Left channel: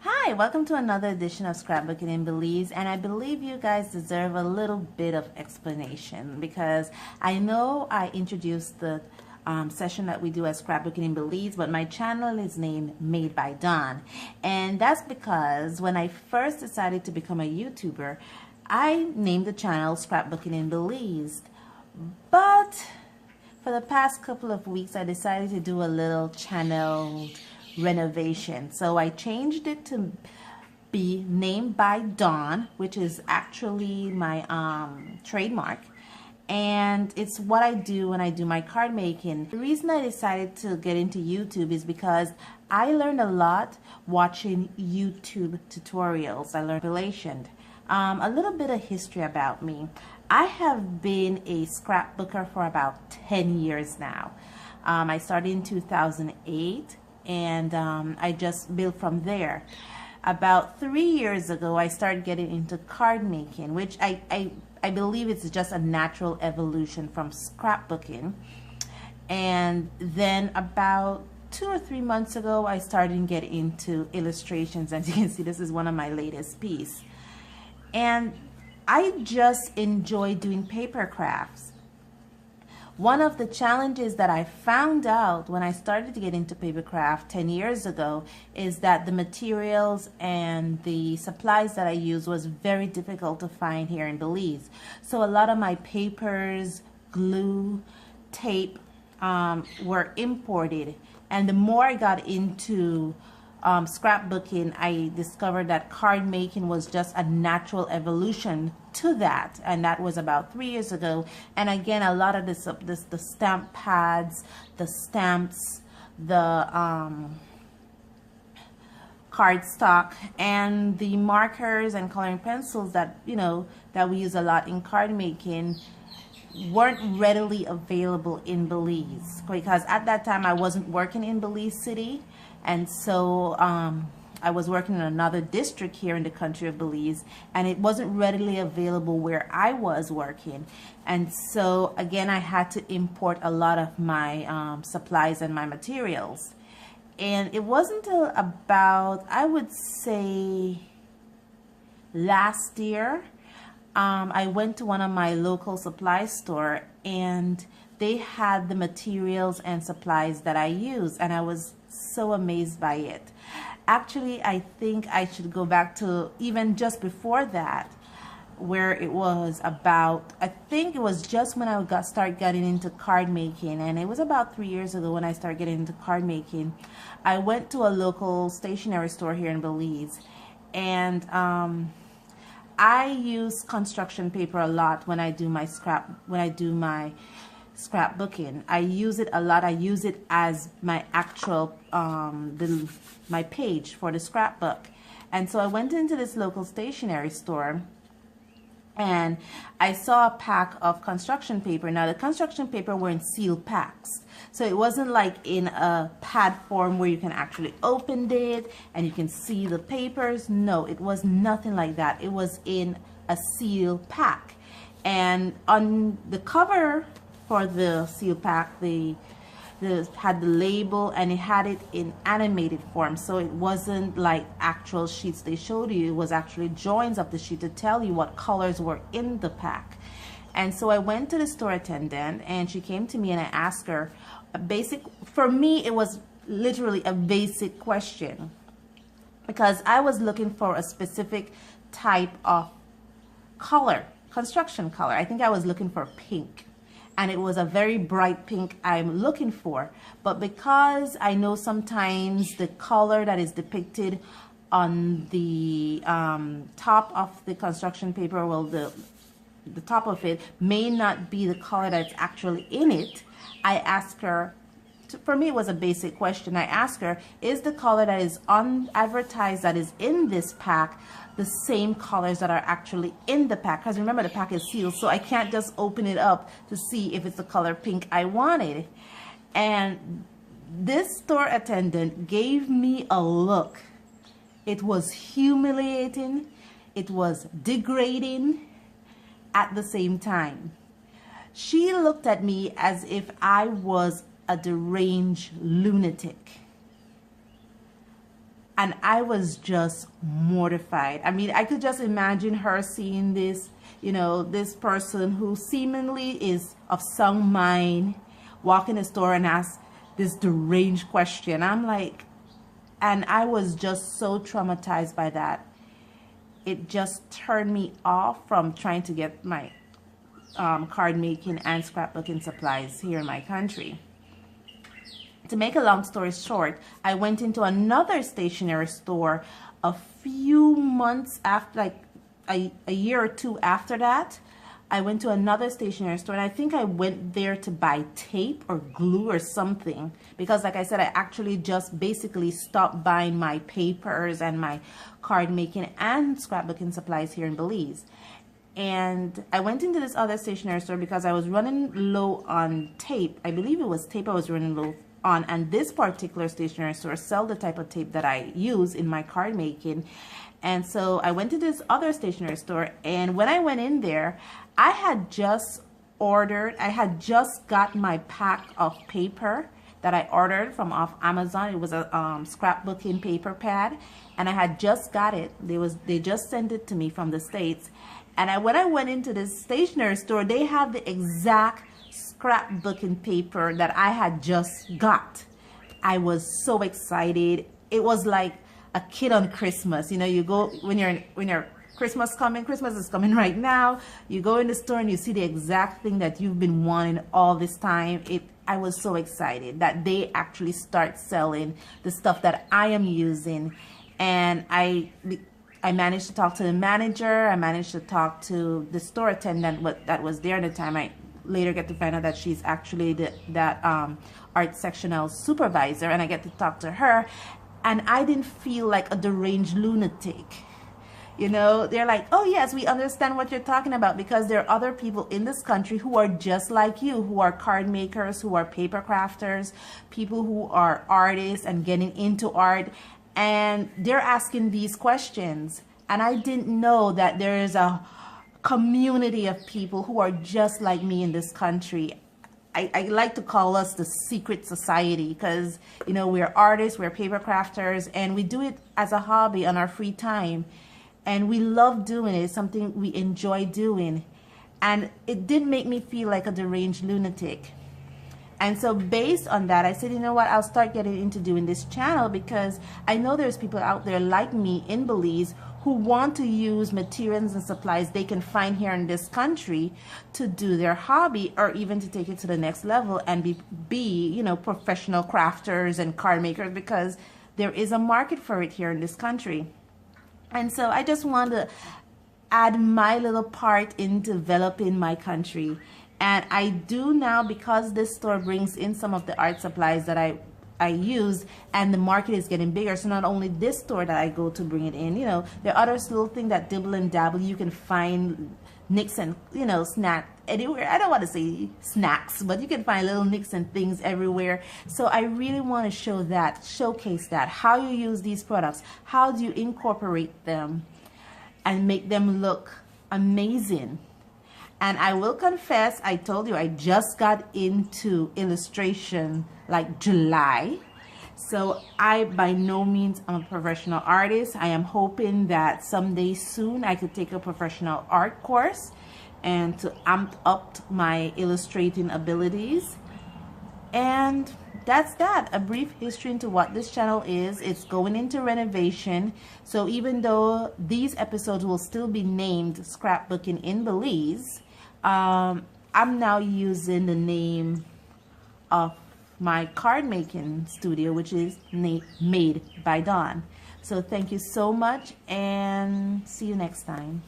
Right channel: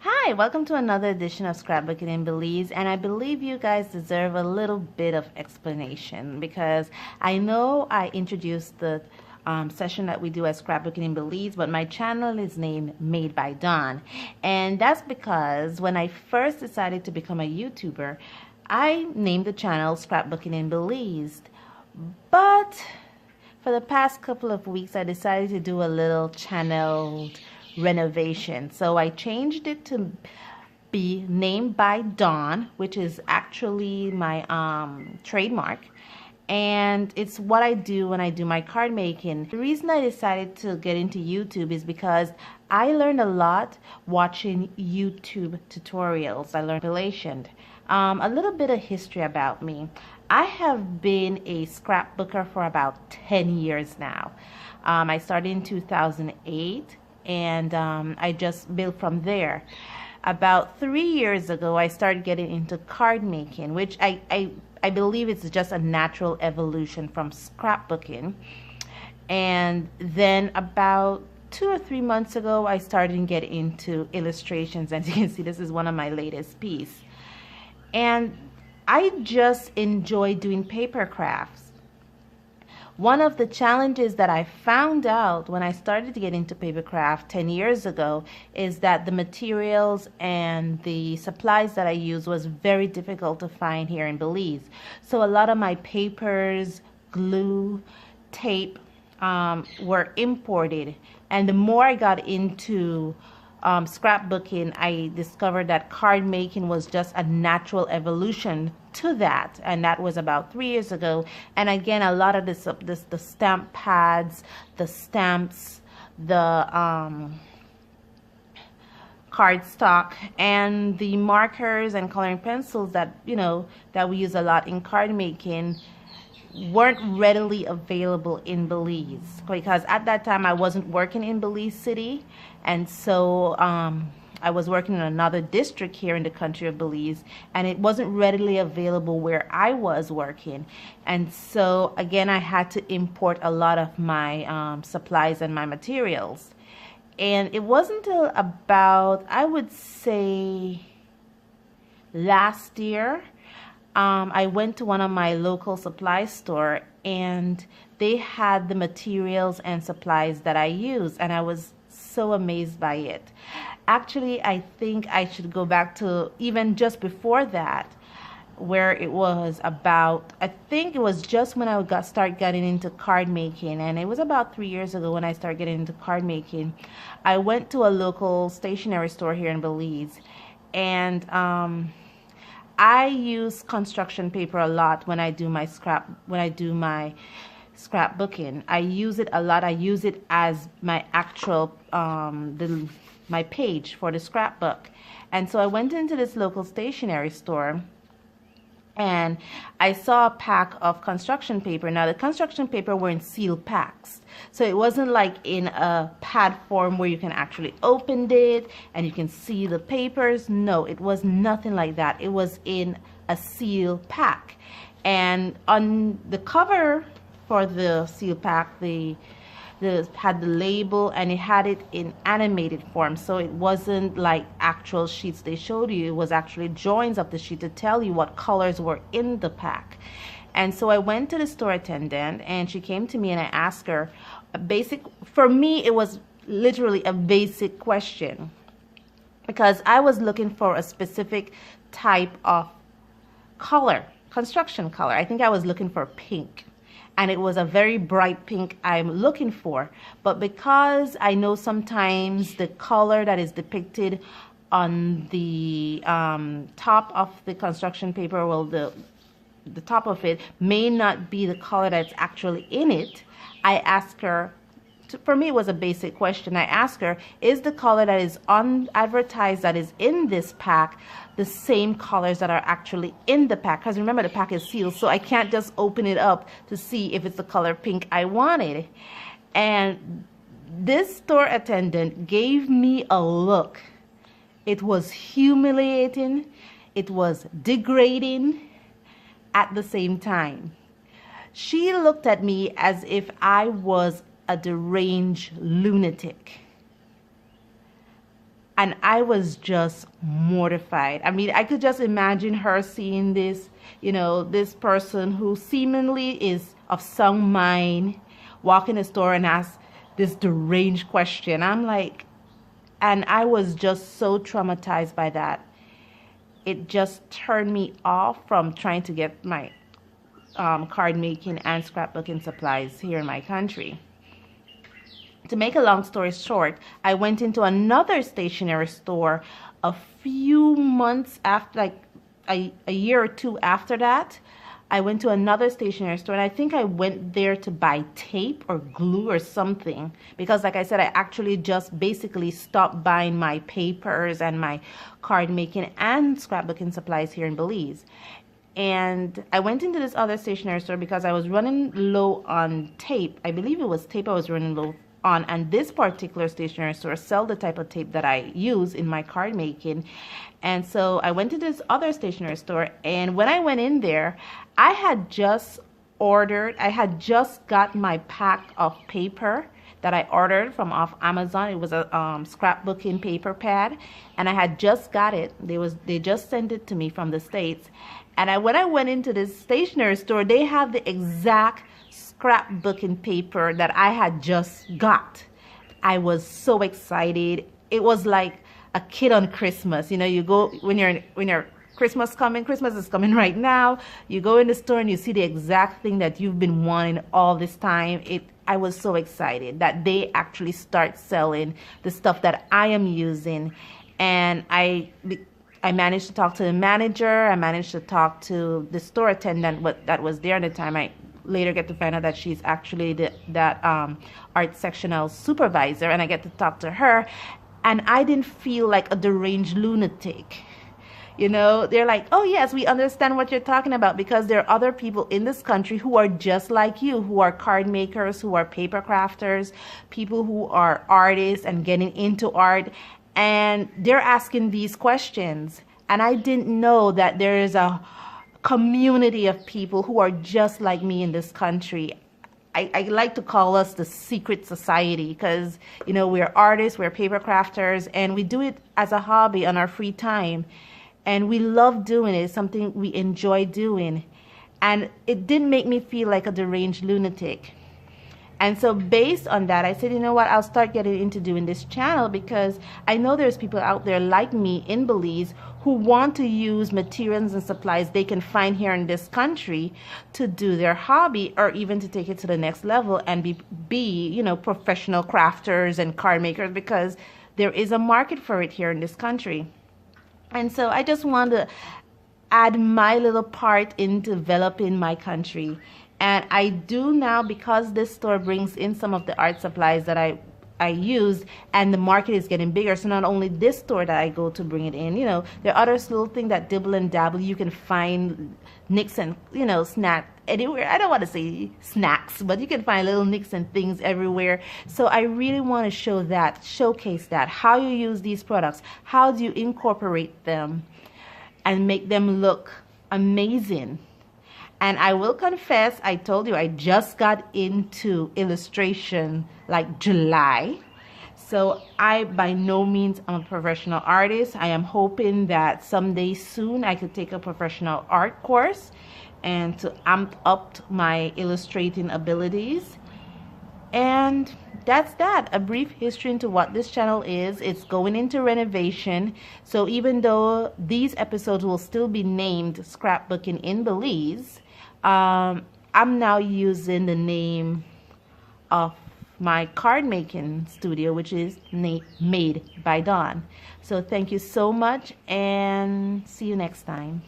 Hi, welcome to another edition of Scrapbooking in Belize, and I believe you guys deserve a little bit of explanation because I know I introduced the session that we do at Scrapbooking in Belize, but my channel is named Made by Dawn, and that's because when I first decided to become a YouTuber, I named the channel Scrapbooking in Belize, but for the past couple of weeks I decided to do a little channel renovation. So I changed it to be named by Dawn, which is actually my trademark. And it's what I do when I do my card making. The reason I decided to get into YouTube is because I learned a lot watching YouTube tutorials. I learned relation. A little bit of history about me. I have been a scrapbooker for about 10 years now. I started in 2008. And I just built from there. About 3 years ago, I started getting into card making, which I believe it's just a natural evolution from scrapbooking. And then about 2 or 3 months ago, I started to get into illustrations. As you can see, this is one of my latest pieces. And I just enjoy doing paper crafts. One of the challenges that I found out when I started to get into papercraft 10 years ago is that the materials and the supplies that I use was very difficult to find here in Belize. So a lot of my papers, glue, tape were imported. And the more I got into scrapbooking, I discovered that card making was just a natural evolution to that, and that was about 3 years ago. And again, a lot of the stamp pads, the stamps, the cardstock, and the markers and coloring pencils that that we use a lot in card making weren't readily available in Belize, because at that time I wasn't working in Belize City, and so I was working in another district here in the country of Belize, and it wasn't readily available where I was working. And so again, I had to import a lot of my supplies and my materials. And it wasn't until about, I would say, last year, I went to one of my local supply store, and they had the materials and supplies that I use, and I was so amazed by it. Actually, I think I should go back to even just before that, where it was about, I think it was just when I start getting into card making, and it was about 3 years ago when I started getting into card making. I went to a local stationery store here in Belize, and I use construction paper a lot when I do my scrapbooking. I use it a lot. I use it as my actual my page for the scrapbook. And so I went into this local stationery store, and I saw a pack of construction paper. Now, the construction paper were in sealed packs, so it wasn't like in a pad form where you can actually open it and you can see the papers. No, it was nothing like that. It was in a sealed pack, and on the cover for the sealed pack, had the label, and it had it in animated form, so it wasn't like actual sheets they showed you. It was actually drawings of the sheet to tell you what colors were in the pack. And so I went to the store attendant, and she came to me, and I asked her a basic, for me it was literally a basic question, because I was looking for a specific type of color, construction color. I think I was looking for pink, and it was a very bright pink I'm looking for. But because I know sometimes the color that is depicted on the top of the construction paper, well, the top of it may not be the color that's actually in it, I asked her, for me it was a basic question, I asked her, is the color that is advertised that is in this pack the same colors that are actually in the pack? Because remember, the pack is sealed, so I can't just open it up to see if it's the color pink I wanted. And this store attendant gave me a look. It was humiliating, it was degrading at the same time. She looked at me as if I was a deranged lunatic. And I was just mortified. I mean, I could just imagine her seeing this, this person who seemingly is of sound mind walk in the store and ask this deranged question. I'm like, and I was just so traumatized by that. It just turned me off from trying to get my card making and scrapbooking supplies here in my country. To make a long story short, I went into another stationery store a few months after, like a year or two after that. I went to another stationery store, and I think I went there to buy tape or glue or something, because like I said, I actually just basically stopped buying my papers and my card making and scrapbooking supplies here in Belize. And I went into this other stationery store because I was running low on tape. I believe it was tape I was running low on, and this particular stationery store sell the type of tape that I use in my card making. And so I went to this other stationery store, and when I went in there, I had just got my pack of paper that I ordered from off Amazon. It was a scrapbooking paper pad, and I had just got it. They just sent it to me from the States. And when I went into this stationery store, they have the exact scrapbooking paper that I had just got. I was so excited. It was like a kid on Christmas. You go when you're Christmas is coming right now. You go in the store and you see the exact thing that you've been wanting all this time. I was so excited that they actually start selling the stuff that I am using. And I managed to talk to the manager. I managed to talk to the store attendant that was there at the time. I later get to find out that she's actually that art sectional supervisor, and I get to talk to her, and I didn't feel like a deranged lunatic. They're like, oh yes, we understand what you're talking about, because there are other people in this country who are just like you, who are card makers, who are paper crafters, people who are artists and getting into art, and they're asking these questions. And I didn't know that there is a community of people who are just like me in this country. I like to call us the secret society, because we're artists, we're paper crafters, and we do it as a hobby on our free time, and we love doing it. It's something we enjoy doing, and it didn't make me feel like a deranged lunatic. And so based on that, I said, you know what, I'll start getting into doing this channel, because I know there's people out there like me in Belize who want to use materials and supplies they can find here in this country to do their hobby, or even to take it to the next level and be professional crafters and card makers, because there is a market for it here in this country. And so I just want to add my little part in developing my country. And I do now, because this store brings in some of the art supplies that I use, and the market is getting bigger. So not only this store that I go to bring it in, there are other little things that dibble and dabble. You can find nicks and, snack anywhere. I don't want to say snacks, but you can find little nicks and things everywhere. So I really want to showcase that, how you use these products, how do you incorporate them and make them look amazing. And I will confess, I told you I just got into illustration like July. So I by no means am a professional artist. I am hoping that someday soon I could take a professional art course and to amp up my illustrating abilities. And that's that, a brief history into what this channel is. It's going into renovation. So even though these episodes will still be named Scrapbooking in Belize, I'm now using the name of my card making studio, which is Made by Dawn. So thank you so much, and see you next time.